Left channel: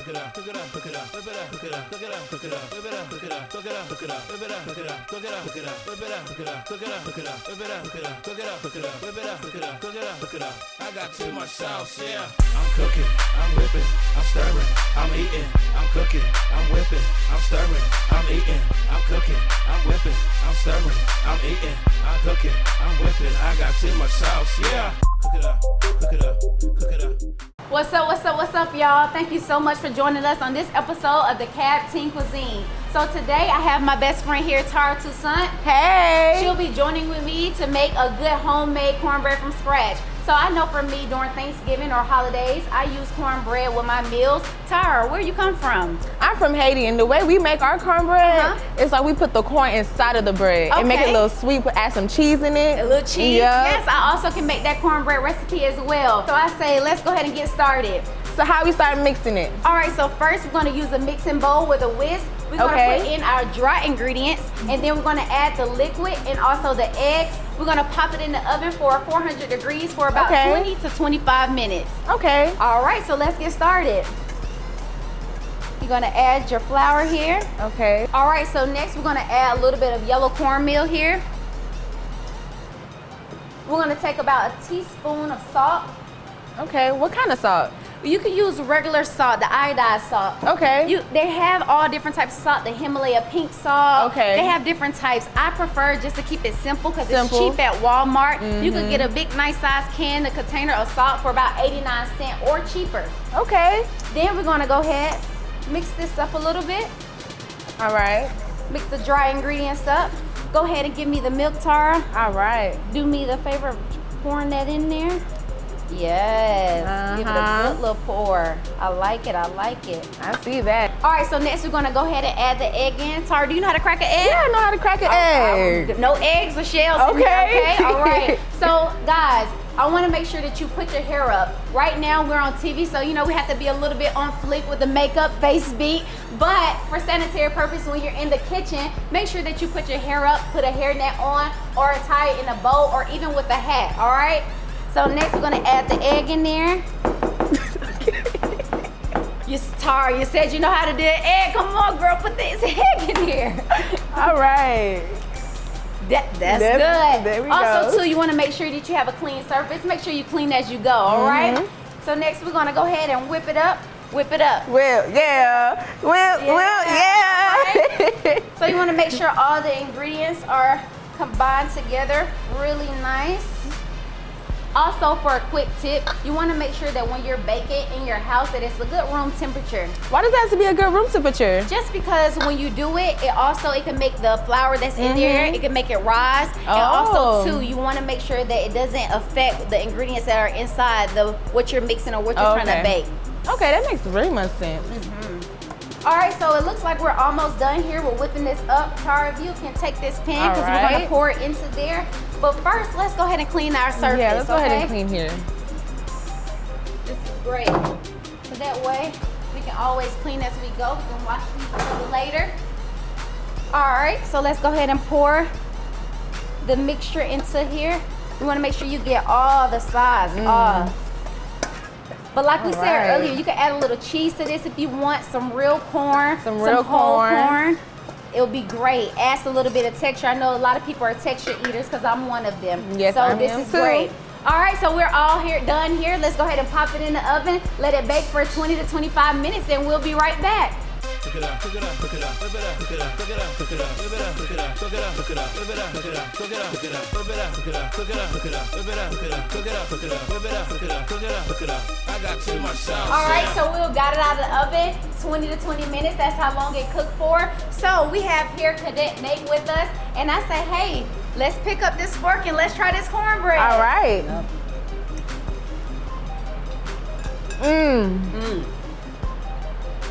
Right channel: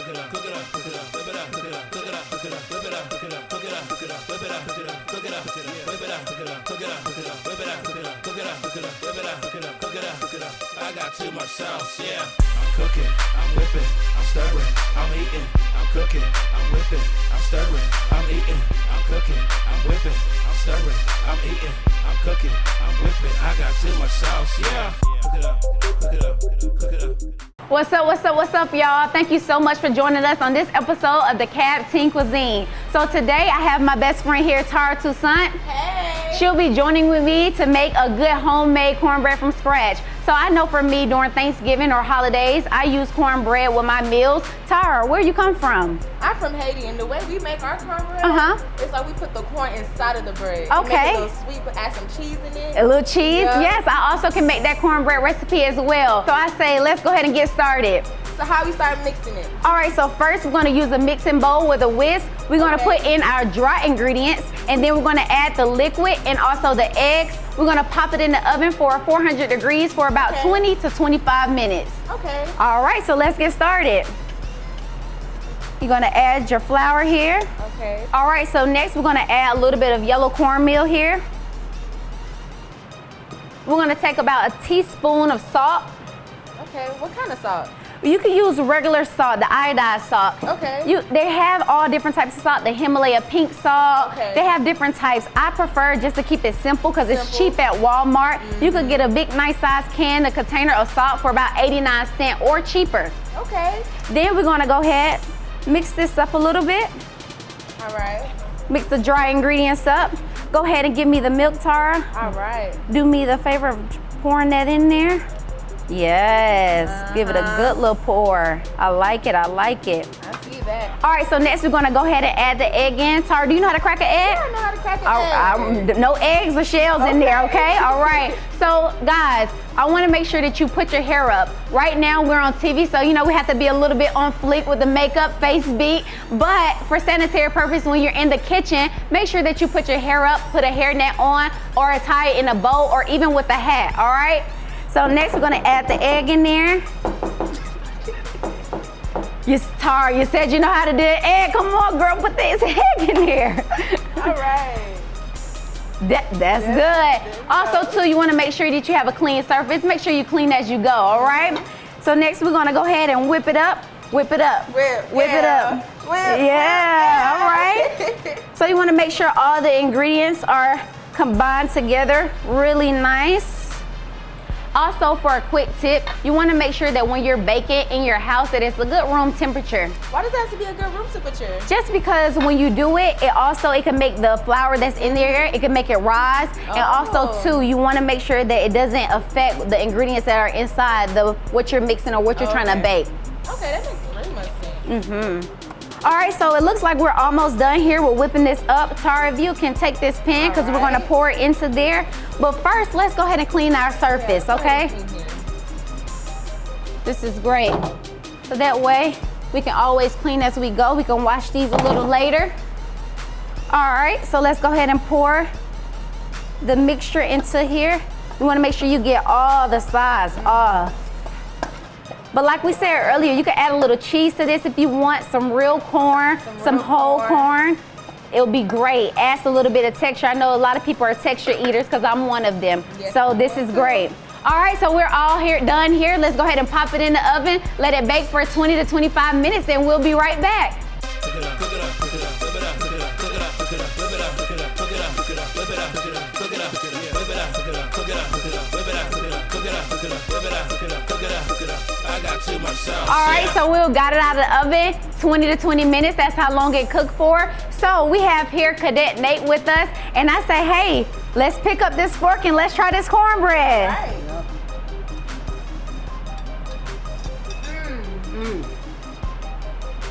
I got too much sauce, yeah. I'm cooking, I'm whipping, I'm stirring, I'm eating, I'm cooking, I'm whipping, I'm stirring, I'm eating, I'm cooking, I'm whipping, I'm stirring, I'm eating, I'm cooking, I'm whipping. I got too much sauce, yeah. Cook it up, cook it up, cook it up. What's up, y'all? Thank you so much for joining us on this episode of DeKalb Cuisine. So today I have my best friend here, Tara Toussaint. Hey! She'll be joining with me to make a good homemade cornbread from scratch. So I know for me, during Thanksgiving or holidays, I use cornbread with my meals. Tara, where you come from? I'm from Haiti, and the way we make our cornbread is like we put the corn inside of the bread and make it a little sweet, add some cheese in it. A little cheese? Yeah. Yes, I also can make that cornbread recipe as well. So I say, let's go ahead and get started. So how we start mixing it? All right, so first we're gonna use a mixing bowl with a whisk. We're gonna put in our dry ingredients, and then we're gonna add the liquid and also the eggs. We're gonna pop it in the oven for 400 degrees for about 20 to 25 minutes. Okay. All right, so let's get started. You're gonna add your flour here. Okay. All right, so next we're gonna add a little bit of yellow cornmeal here. We're gonna take about a teaspoon of salt. Okay, what kind of salt? You can use regular salt, the iodized salt. Okay. They have all different types of salt, the Himalaya pink salt. Okay. They have different types. I prefer just to keep it simple because it's cheap at Walmart. You could get a big, nice size can, a container of salt for about 89 cents or cheaper. Okay. Then we're gonna go ahead, mix this up a little bit. All right. Mix the dry ingredients up. Go ahead and give me the milk, Tara. All right. Do me the favor of pouring that in there. Yes, give it a good little pour. I like it, I like it. I see that. All right, so next we're gonna go ahead and add the egg in. Tara, do you know how to crack an egg? Yeah, I know how to crack an egg. No eggs or shells in there, okay? All right, so guys, I wanna make sure that you put your hair up. Right now we're on TV, so you know we have to be a little bit on fleek with the makeup, face beat, but for sanitary purpose, when you're in the kitchen, make sure that you put your hair up, put a hairnet on, or tie it in a bow, or even with a hat, all right? So next we're gonna add the egg in there. Tara, you said you know how to do an egg. Come on, girl, put this egg in there. All right. That's there good. we Also, go. too, you wanna make sure that you have a clean surface. Make sure you clean as you go, all right? So next we're gonna go ahead and whip it up. Whip it up. Whip it up. Yeah. All right. So you wanna make sure all the ingredients are combined together really nice. Also, for a quick tip, you want to make sure that when you're baking in your house that it's a good room temperature. Why does it have to be a good room temperature? Just because when you do it, it can make the flour that's in there, it can make it rise. And also too, you want to make sure that it doesn't affect the ingredients that are inside what you're mixing or what you're trying to bake. Okay, that makes very much sense. All right, so it looks like we're almost done here with whipping this up. Tara, if you can take this pan, because we're gonna pour it into there. But first, let's go ahead and clean our surface, okay? Clean here. This is great. So that way, we can always clean as we go. We can wash these a little later. All right, so let's go ahead and pour the mixture into here. You wanna make sure you get all the sides, But like we said earlier, you can add a little cheese to this if you want, some real corn, some whole corn. It'll be great. Adds a little bit of texture. I know a lot of people are texture eaters because I'm one of them. Yes, so I this am is too. great. All right, so we're all done here. Let's go ahead and pop it in the oven. Let it bake for 20 to 25 minutes and we'll be right back. Cook it up, cook it up, cook it up, cook it up, cook it up, cook it up, cook it up, whip it up, cook it up, cook it up, cook it up, whip it up, cook it up, cook it up, cook it up, whip it up, cook it up, cook it up, cook it up, whip it up, cook it up, cook it up, cook it up, whip it up, cook it up, cook it up, cook it up. I got too much sauce. All right, so we got it out of the oven, 20 to 20 minutes. That's how long it cooked for. So we have here Cadet Nate with us, and I say, hey, let's pick up this fork and let's try this cornbread. All right.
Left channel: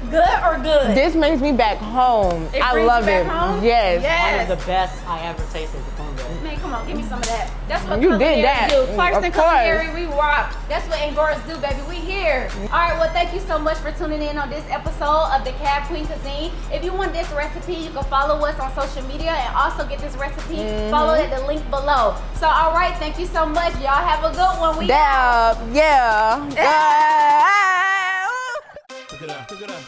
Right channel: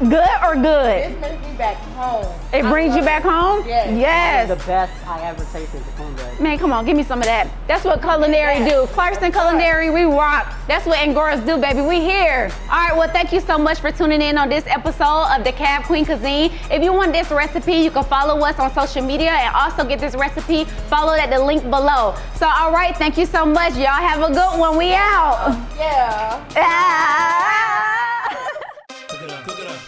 Good or good? This makes me back home. It brings you back home? Yes. Yes. One of the best I ever tasted the cornbread. Man, come on, give me some of that. That's what You did culinary that. do. Clerks Of and course. Culinary, we rock. That's what Angoras do, baby. We here. All right, well, thank you so much for tuning in on this episode of DeKalb Cuisine. If you want this recipe, you can follow us on social media and also get this recipe. Follow at the link below. So, all right, thank you so much. Y'all have a good one. We out. Yeah. Ah. Cook it up, cook it up.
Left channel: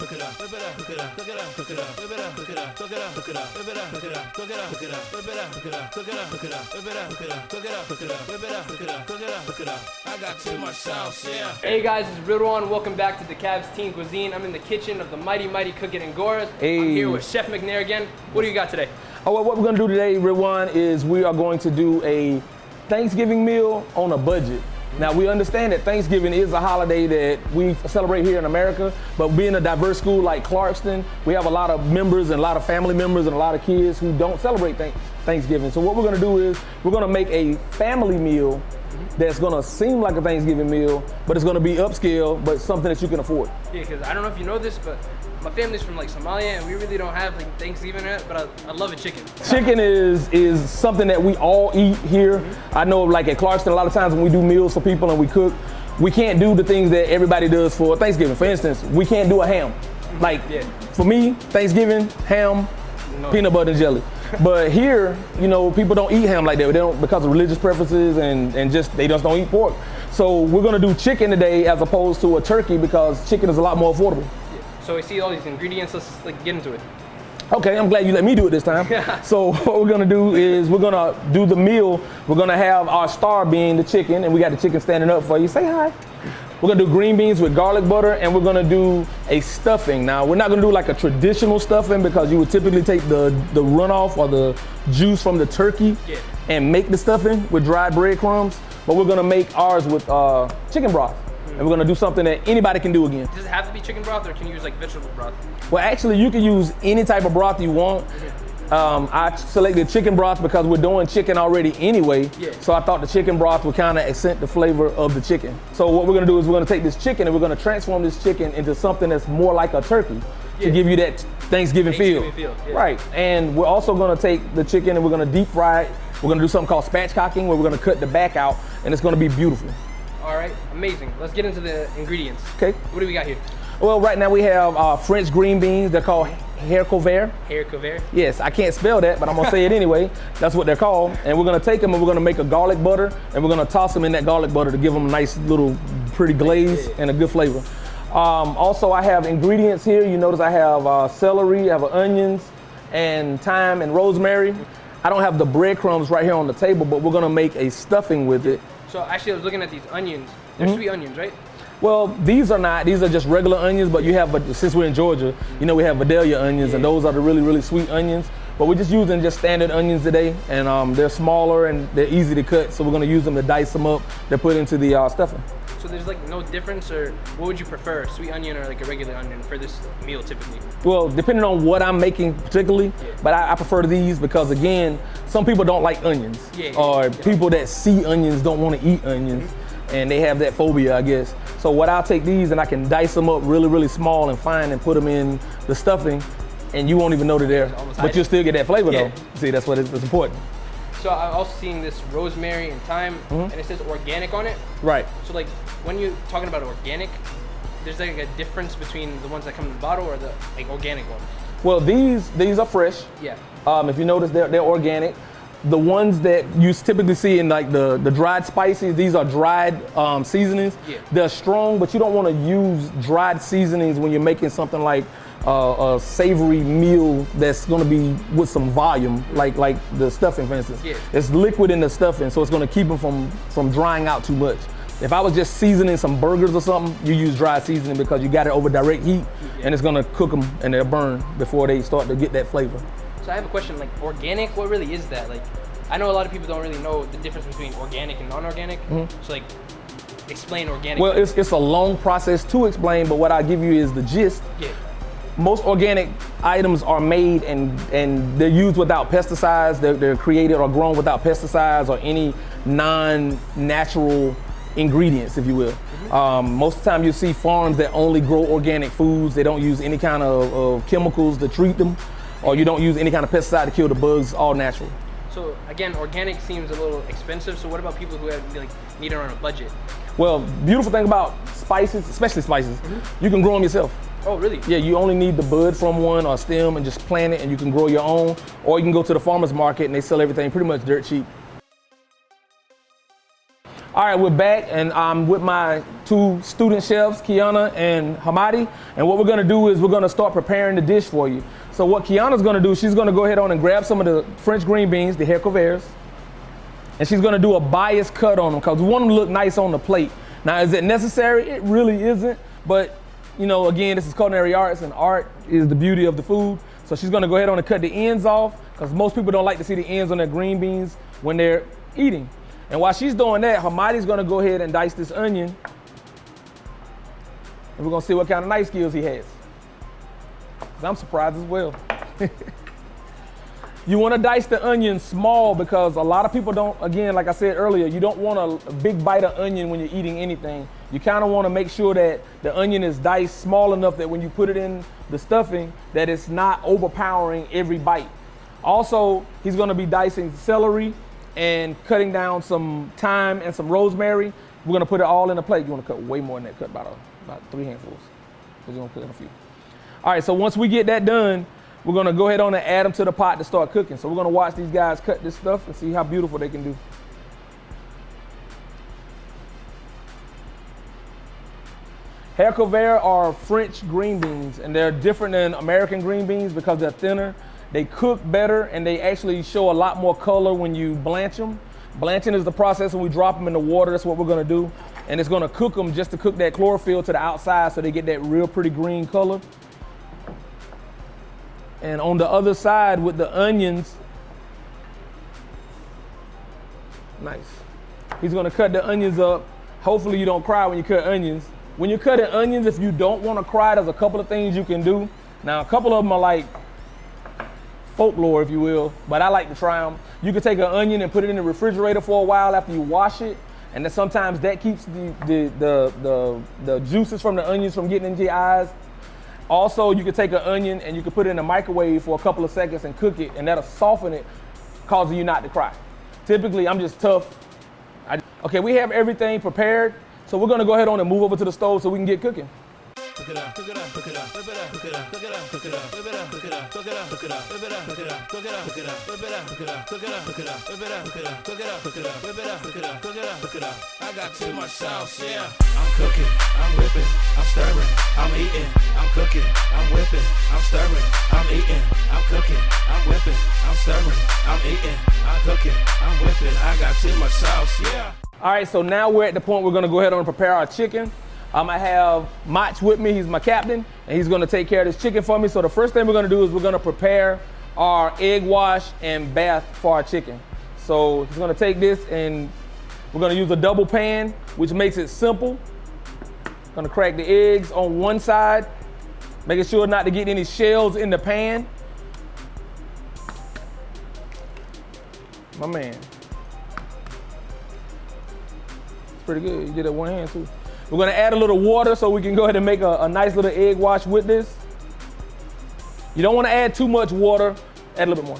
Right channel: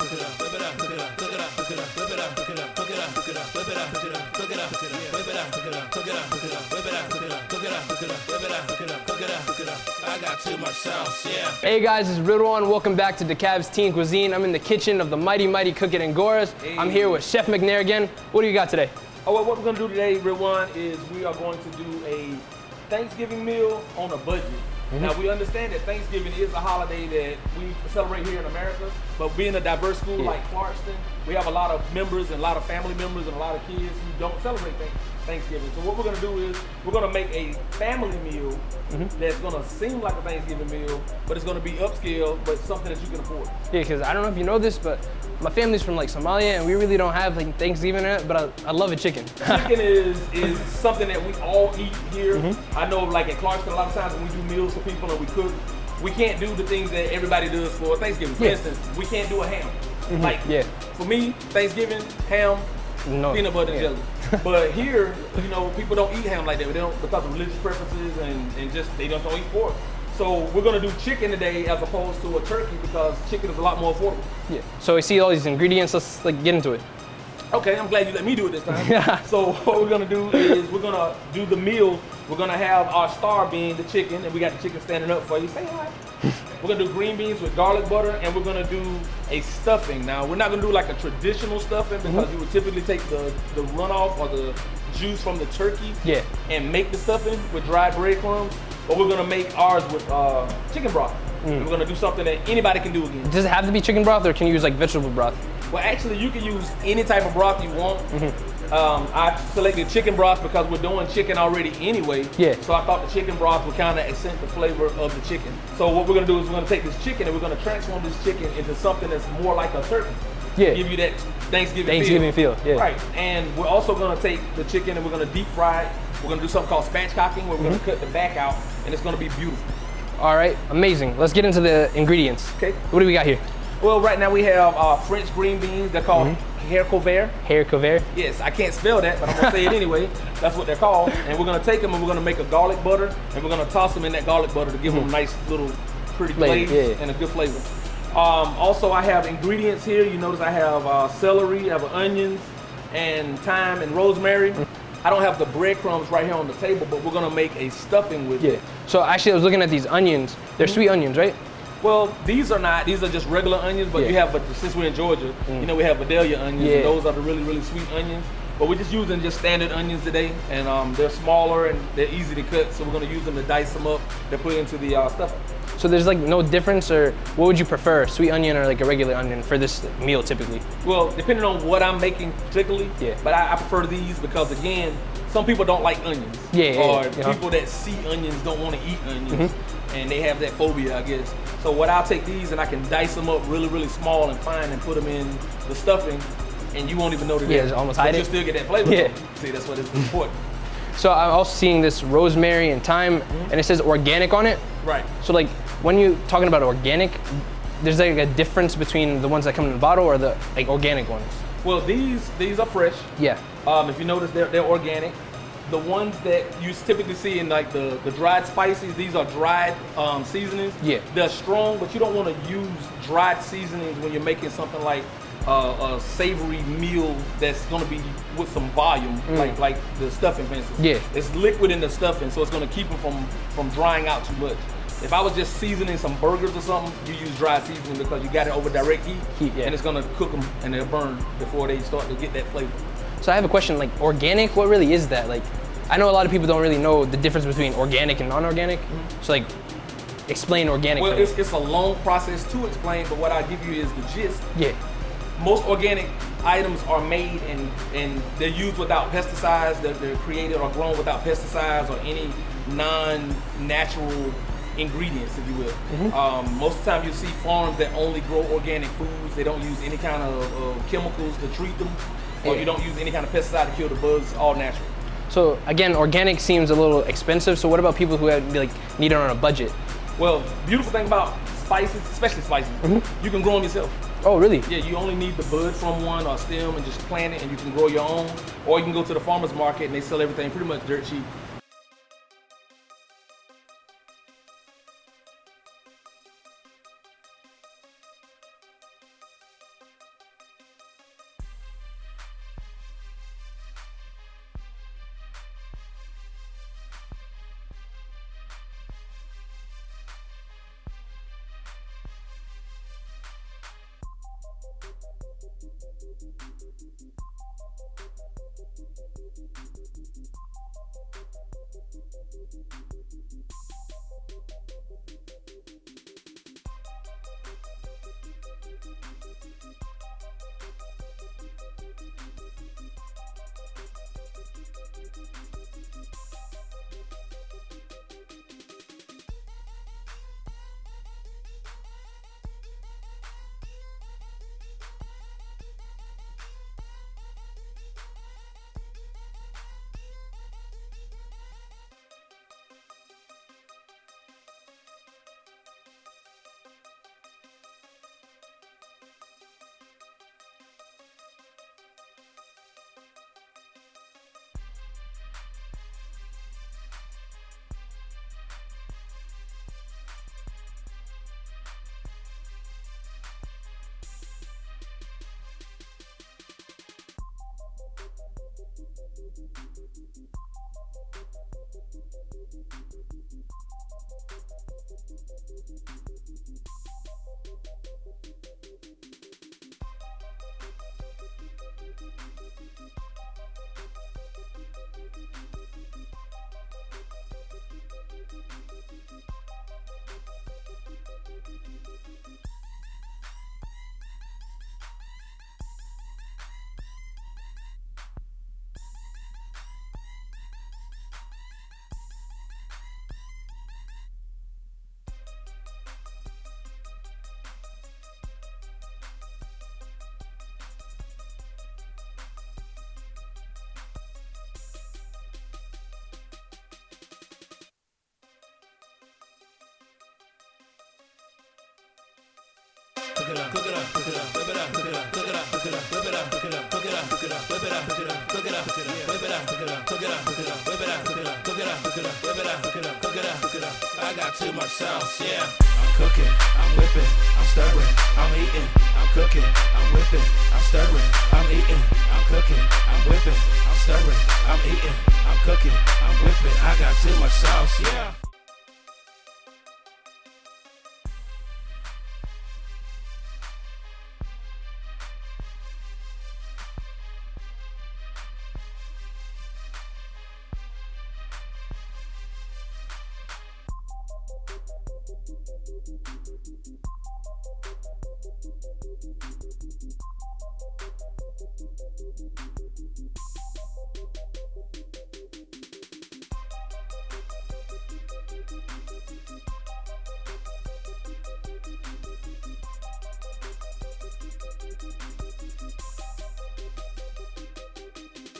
cook it up, whip it up, cook it up, cook it up, cook it up. I got too much sauce, yeah. Hey guys, it's Ridwan. Welcome back to DeKalb's Teen Cuisine. I'm in the kitchen of the Mighty Cook It and Goras. Hey. I'm here with Chef McNair again. What do you got today? Oh, what we're gonna do today, Ridwan, is we are going to do a Thanksgiving meal on a budget. Now, we understand that Thanksgiving is a holiday that we celebrate here in America, but being a diverse school like Clarkston, we have a lot of members and a lot of family members and a lot of kids who don't celebrate Thanksgiving. So what we're gonna do is we're gonna make a family meal that's gonna seem like a Thanksgiving meal, but it's gonna be upscale, but something that you can afford. Yeah, because I don't know if you know this, but my family's from like Somalia, and we really don't have like Thanksgiving in it, but I love a chicken. Chicken is something that we all eat here. I know like at Clarkston, a lot of times when we do meals for people and we cook, we can't do the things that everybody does for Thanksgiving. For instance, we can't do a ham. Like, for me, Thanksgiving, ham, peanut butter and jelly. But here, you know, people don't eat ham like that. They don't, because of religious preferences and just, they just don't eat pork. So we're gonna do chicken today as opposed to a turkey because chicken is a lot more affordable. Yeah. So I see all these ingredients. Let's like get into it. Okay, I'm glad you let me do it this time. Yeah. So what we're gonna do is we're gonna do the meal. We're gonna have our star being the chicken, and we got the chicken standing up for you. Say hi. We're gonna do green beans with garlic butter, and we're gonna do a stuffing. Now, we're not gonna do like a traditional stuffing because you would typically take the runoff or the juice from the turkey and make the stuffing with dried breadcrumbs, but we're gonna make ours with chicken broth. And we're gonna do something that anybody can do again. Does it have to be chicken broth, or can you use like vegetable broth? Well, actually, you can use any type of broth you want. I selected chicken broth because we're doing chicken already anyway. Yeah. So I thought the chicken broth would kind of accent the flavor of the chicken. So what we're gonna do is we're gonna take this chicken and we're gonna transform this chicken into something that's more like a turkey to give you that Thanksgiving feel. Yeah. Right. And we're also gonna take the chicken and we're gonna deep fry it. We're gonna do something called spatchcocking where we're gonna cut the back out, and it's gonna be beautiful. All right, amazing. Let's get into the ingredients. Okay. What do we got here? Well, right now we have French green beans. They're called haricots verts. Haricots verts. Yes, I can't spell that, but I'm gonna say it anyway. That's what they're called. And we're gonna take them and we're gonna make a garlic butter, and we're gonna toss them in that garlic butter to give them a nice little pretty glaze and a good flavor. Also, I have ingredients here. You notice I have celery, I have onions, and thyme and rosemary. I don't have the breadcrumbs right here on the table, but we're gonna make a stuffing with it. So actually, I was looking at these onions. They're sweet onions, right? Well, these are not. These are just regular onions, but you have, since we're in Georgia, you know, we have Vidalia onions, and those are the really, really sweet onions. But we're just using just standard onions today, and they're smaller and they're easy to cut, so we're gonna use them to dice them up to put into the stuffing. So there's like no difference, or what would you prefer, sweet onion or like a regular onion for this meal typically? Well, depending on what I'm making particularly, but I prefer these because, again, some people don't like onions. Or people that see onions don't want to eat onions, and they have that phobia, I guess. So what I'll take these and I can dice them up really, really small and fine and put them in the stuffing, and you won't even know that they're almost but you'll still get that flavor though. See, that's what it's important. So I'm also seeing this rosemary and thyme, and it says organic on it. Right. So like, when you're talking about organic, there's like a difference between the ones that come in the bottle or the like organic ones? Well, these are fresh. Yeah. If you notice, they're organic. The ones that you typically see in like the dried spices, these are dried seasonings. Yeah. They're strong, but you don't want to use dried seasonings when you're making something like a savory meal that's going to be with some volume, like the stuffing, for instance. Yeah. It's liquid in the stuffing, so it's going to keep them from drying out too much. If I was just seasoning some burgers or something, you use dry seasoning because you got it over direct heat, and it's gonna cook them and they'll burn before they start to get that flavor. So I have a question, like organic, what really is that? Like, I know a lot of people don't really know the difference between organic and non-organic. So like, explain organic. Well, it's a long process to explain, but what I'll give you is the gist. Yeah. Most organic items are made and they're used without pesticides. They're created or grown without pesticides or any non-natural ingredients, if you will. Most of the time you see farms that only grow organic foods. They don't use any kind of chemicals to treat them, or you don't use any kind of pesticide to kill the bugs, all natural. So again, organic seems a little expensive. So what about people who have like need it on a budget? Well, beautiful thing about spices, especially spices, you can grow them yourself. Oh, really? Yeah, you only need the bud from one or stem and just plant it and you can grow your own. Or you can go to the farmer's market and they sell everything pretty much dirt cheap. All right, we're back and I'm with my two student chefs, Kiana and Hamadi. And what we're gonna do is we're gonna start preparing the dish for you. So what Kiana's gonna do, she's gonna go ahead on and grab some of the French green beans, the haricots verts. And she's gonna do a bias cut on them because we want them to look nice on the plate. Now, is it necessary? It really isn't, but you know, again, this is culinary arts, and art is the beauty of the food. So she's gonna go ahead on and cut the ends off because most people don't like to see the ends on their green beans when they're eating. And while she's doing that, Hamadi's gonna go ahead and dice this onion. And we're gonna see what kind of knife skills he has. 'Cause I'm surprised as well. You wanna dice the onion small because a lot of people don't, again, like I said earlier, you don't want a big bite of onion when you're eating anything. You kinda wanna make sure that the onion is diced small enough that when you put it in the stuffing, that it's not overpowering every bite. Also, he's gonna be dicing celery and cutting down some thyme and some rosemary. We're gonna put it all in a plate. You wanna cut way more than that, cut about 3 handfuls. We're gonna put in a few. All right, so once we get that done, we're gonna go ahead on and add them to the pot to start cooking. So we're gonna watch these guys cut this stuff and see how beautiful they can do. Haricots verts are French green beans, and they're different than American green beans because they're thinner. They cook better, and they actually show a lot more color when you blanch them. Blanching is the process when we drop them in the water. That's what we're gonna do. And it's gonna cook them just to cook that chlorophyll to the outside so they get that real pretty green color. And on the other side with the onions, nice. He's gonna cut the onions up. Hopefully you don't cry when you cut onions. When you're cutting onions, if you don't wanna cry, there's a couple of things you can do. Now, a couple of them are like folklore, if you will, but I like to try them. You can take an onion and put it in the refrigerator for a while after you wash it, and then sometimes that keeps the juices from the onions from getting into your eyes. Also, you can take an onion and you can put it in the microwave for a couple of seconds and cook it, and that'll soften it, causing you not to cry. Typically, I'm just tough. Okay, we have everything prepared, so we're gonna go ahead on and move over to the stove so we can get cooking. Cook it up, cook it up, cook it up, whip it up, cook it up, cook it up, cook it up, whip it up, cook it up, cook it up, cook it up, whip it up, cook it up, cook it up, cook it up, whip it up, cook it up, cook it up, cook it up, whip it up, cook it up, cook it up, cook it up, whip it up, cook it up, cook it up, cook it up. I got too much sauce, yeah. I'm cooking, I'm whipping, I'm stirring, I'm eating, I'm cooking, I'm whipping, I'm stirring, I'm eating, I'm cooking, I'm whipping, I'm stirring, I'm eating, I'm cooking, I'm whipping. I got too much sauce, yeah. All right, so now we're at the point we're gonna go ahead and prepare our chicken. I'm gonna have Mach with me, he's my captain, and he's gonna take care of this chicken for me. So the first thing we're gonna do is we're gonna prepare our egg wash and bath for our chicken. So he's gonna take this and we're gonna use a double pan, which makes it simple. Gonna crack the eggs on one side, making sure not to get any shells in the pan. My man. Pretty good, you did it one hand too. We're gonna add a little water so we can go ahead and make a nice little egg wash with this. You don't wanna add too much water, add a little bit more.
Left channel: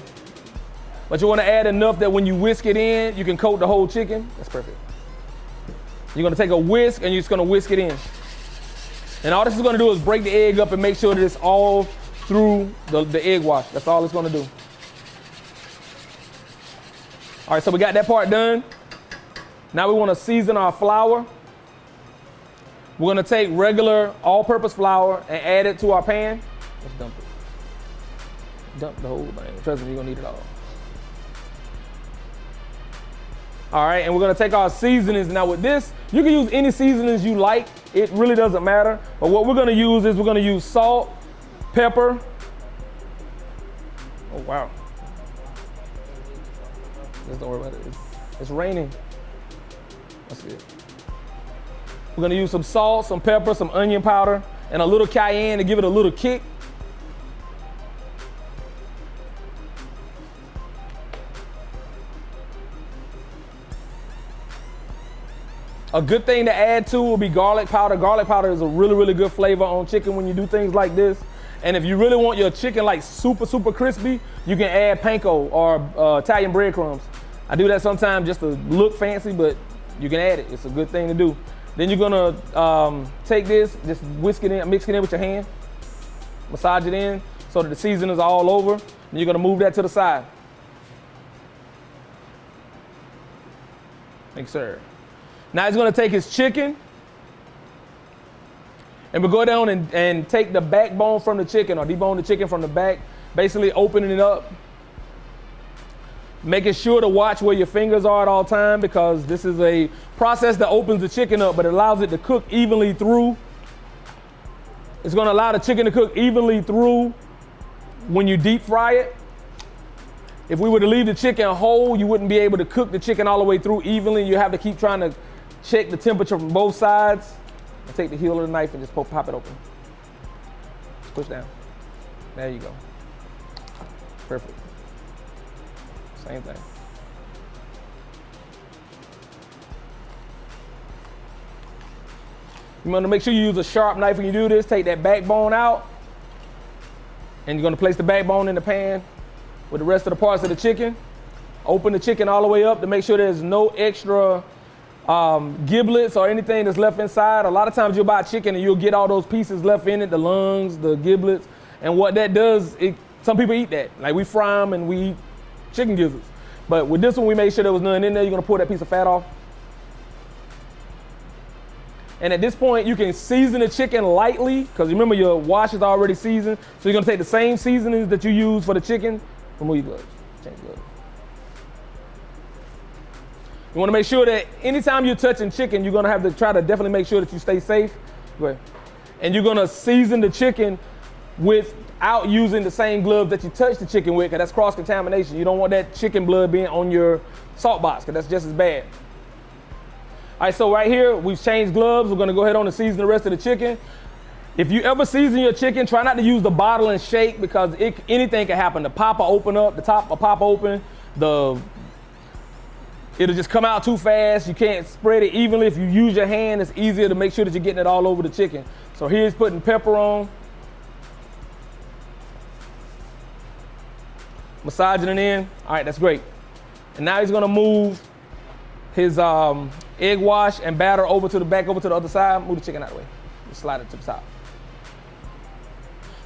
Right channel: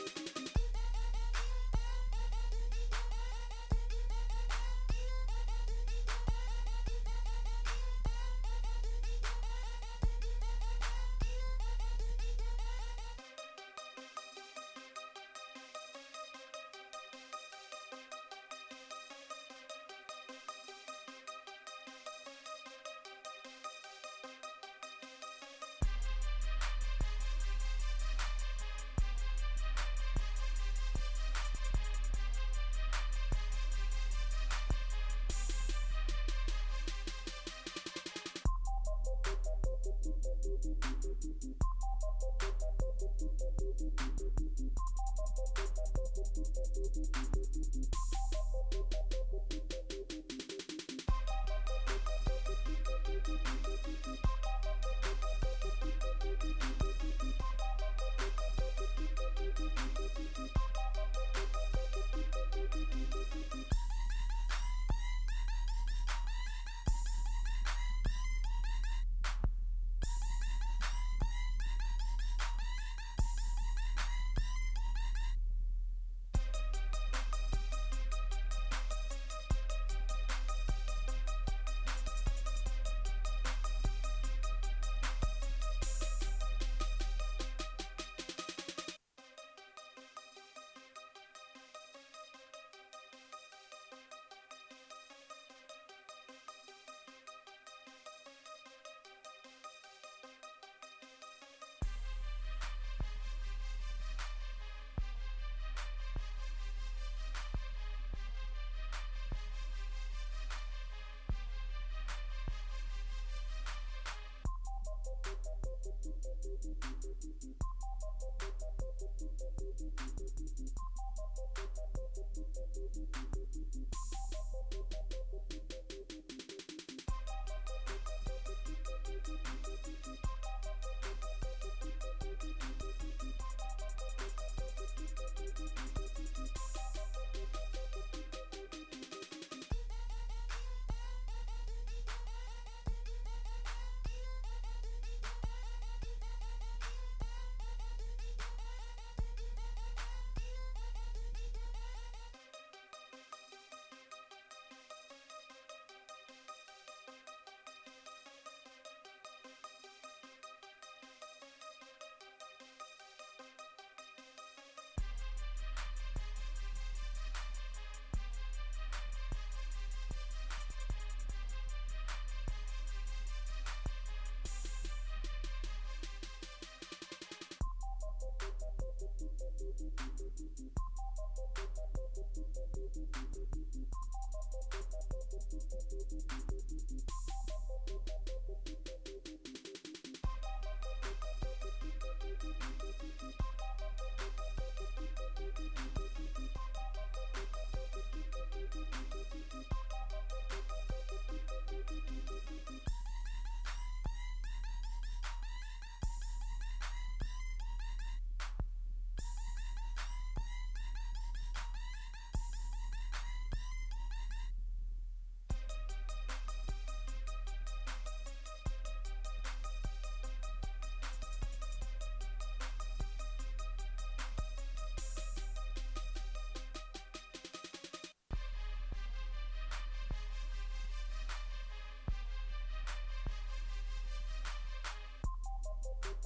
But you wanna add enough that when you whisk it in, you can coat the whole chicken. That's perfect. You're gonna take a whisk and you're just gonna whisk it in. And all this is gonna do is break the egg up and make sure that it's all through the egg wash. That's all it's gonna do. All right, so we got that part done. Now we wanna season our flour. We're gonna take regular all-purpose flour and add it to our pan. Let's dump it. Dump the whole thing. Trust me, you're gonna need it all. All right, and we're gonna take our seasonings. Now with this, you can use any seasonings you like. It really doesn't matter. But what we're gonna use is we're gonna use salt, pepper. Oh, wow. Just don't worry about it. It's raining. That's it. We're gonna use some salt, some pepper, some onion powder, and a little cayenne to give it a little kick. A good thing to add too will be garlic powder. Garlic powder is a really, really good flavor on chicken when you do things like this. And if you really want your chicken like super, super crispy, you can add panko or Italian breadcrumbs. I do that sometimes just to look fancy, but you can add it. It's a good thing to do. Then you're gonna take this, just whisk it in, mix it in with your hand, massage it in so that the seasoning is all over. And you're gonna move that to the side. Thanks, sir. Now he's gonna take his chicken and we'll go down and take the backbone from the chicken or debone the chicken from the back, basically opening it up. Making sure to watch where your fingers are at all time, because this is a process that opens the chicken up, but it allows it to cook evenly through. It's gonna allow the chicken to cook evenly through when you deep fry it. If we were to leave the chicken whole, you wouldn't be able to cook the chicken all the way through evenly. You have to keep trying to check the temperature from both sides. Take the heel of the knife and just pop it open. Push down. There you go. Perfect. Same thing. You want to make sure you use a sharp knife when you do this. Take that backbone out. And you're going to place the backbone in the pan with the rest of the parts of the chicken. Open the chicken all the way up to make sure there's no extra giblets or anything that's left inside. A lot of times you'll buy chicken and you'll get all those pieces left in it, the lungs, the giblets. And what that does, some people eat that. Like we fry them and we eat chicken gizzards. But with this one, we made sure there was none in there. You're gonna pull that piece of fat off. And at this point, you can season the chicken lightly, because remember your wash is already seasoned. So you're gonna take the same seasonings that you use for the chicken. Remove your gloves, change gloves. You wanna make sure that anytime you're touching chicken, you're gonna have to try to definitely make sure that you stay safe. Go ahead. And you're gonna season the chicken without using the same gloves that you touch the chicken with, because that's cross-contamination. You don't want that chicken blood being on your salt box, because that's just as bad. All right, so right here, we've changed gloves. We're gonna go ahead on and season the rest of the chicken. If you ever season your chicken, try not to use the bottle and shake, because anything can happen. The pop will open up, the top will pop open, it'll just come out too fast. You can't spread it evenly. If you use your hand, it's easier to make sure that you're getting it all over the chicken. So here's putting pepper on. Massaging it in. All right, that's great. And now he's gonna move his egg wash and batter over to the other side. Move the chicken out of the way. Just slide it to the top.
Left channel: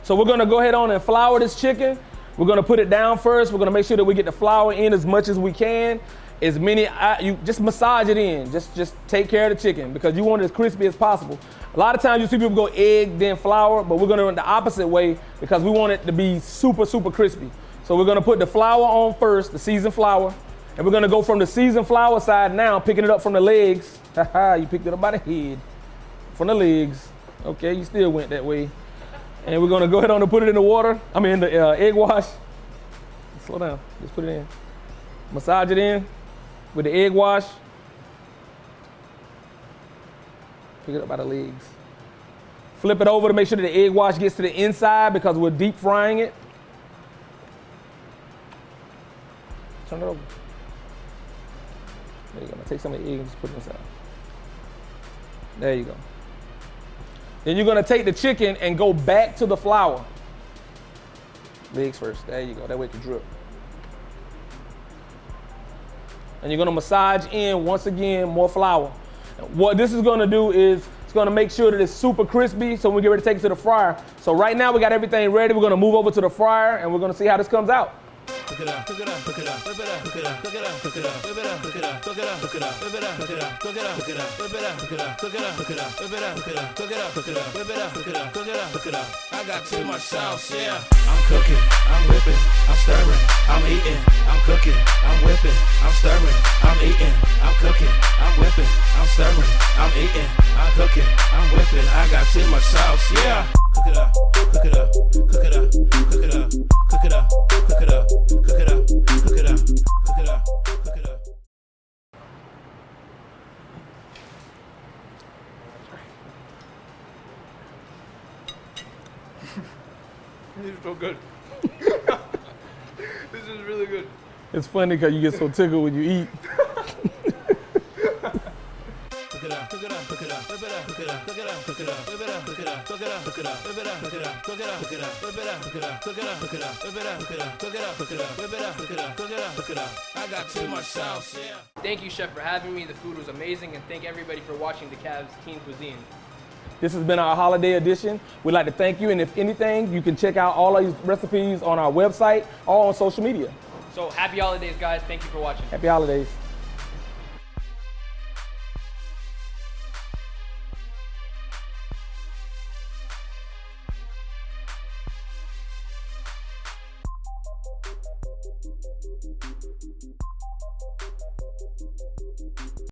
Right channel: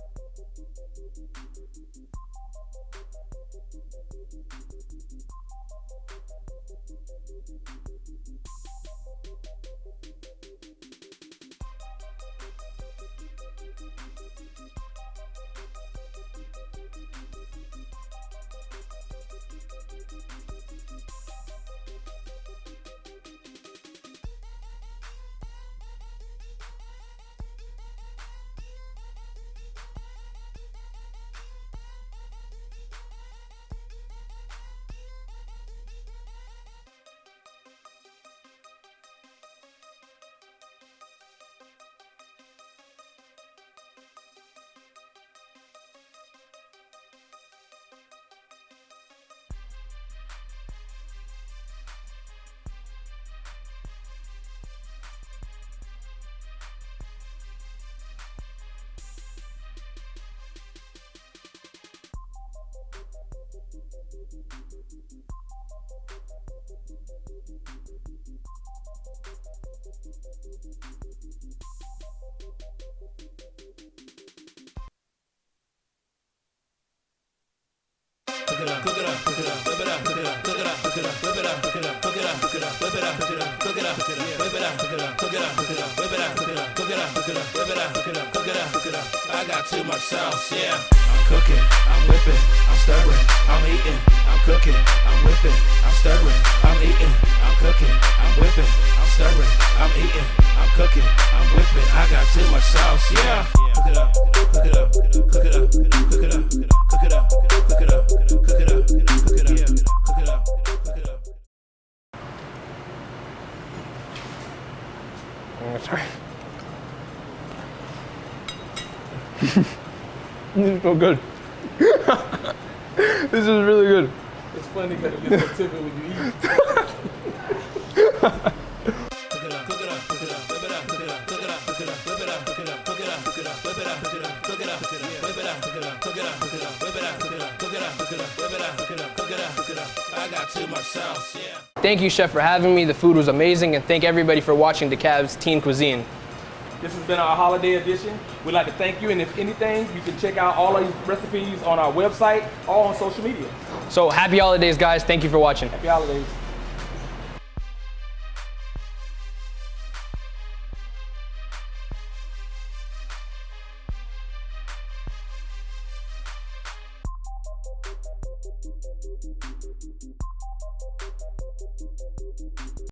So we're gonna go ahead on and flour this chicken. We're gonna put it down first. We're gonna make sure that we get the flour in as much as we can. You just massage it in. Just take care of the chicken, because you want it as crispy as possible. A lot of times you see people go egg, then flour, but we're gonna do it the opposite way, because we want it to be super, super crispy. So we're gonna put the flour on first, the seasoned flour, and we're gonna go from the seasoned flour side now, picking it up from the legs. Haha, you picked it up by the head, from the legs. Okay, you still went that way. And we're gonna go ahead on and put it in the water. The egg wash. Slow down, just put it in. Massage it in with the egg wash. Pick it up by the legs. Flip it over to make sure that the egg wash gets to the inside, because we're deep frying it. Turn it over. There you go. Now take some of the egg and just put it inside. There you go. Then you're gonna take the chicken and go back to the flour. Legs first. There you go. That way it can drip. And you're gonna massage in, once again, more flour. What this is gonna do is it's gonna make sure that it's super crispy, so when we get ready to take it to the fryer. So right now we got everything ready. We're gonna move over to the fryer and we're gonna see how this comes out. Cook it up, cook it up, cook it up, whip it up, cook it up, cook it up, cook it up, whip it up, cook it up, cook it up, cook it up, whip it up, cook it up, cook it up, whip it up, cook it up, cook it up, whip it up, cook it up, cook it up, whip it up, cook it up, cook it up, cook it up. I got too much sauce, yeah. I'm cooking, I'm whipping, I'm stirring, I'm eating, I'm cooking, I'm whipping, I'm stirring, I'm eating, I'm cooking, I'm whipping, I'm stirring, I'm eating, I'm cooking, I'm whipping. I got too much sauce, yeah. Cook it up, cook it up, cook it up, cook it up, cook it up, cook it up, cook it up, cook it up, cook it up, cook it up. Sorry. This is so good. This is really good. It's funny because you get so tickled when you eat. Cook it up, cook it up, cook it up, whip it up, cook it up, cook it up, cook it up, whip it up, cook it up, cook it up, cook it up, whip it up, cook it up, cook it up, cook it up, whip it up, cook it up, cook it up, cook it up, whip it up, cook it up, cook it up, cook it up, whip it up, cook it up, cook it up, cook it up. I got too much sauce, yeah. Thank you, Chef, for having me. The food was amazing, and thank everybody for watching DeKalb's Teen Cuisine. This has been our holiday edition. We'd like to thank you, and if anything, you can check out all of these recipes on our website or on social media. So happy holidays, guys. Thank you for watching. Happy holidays.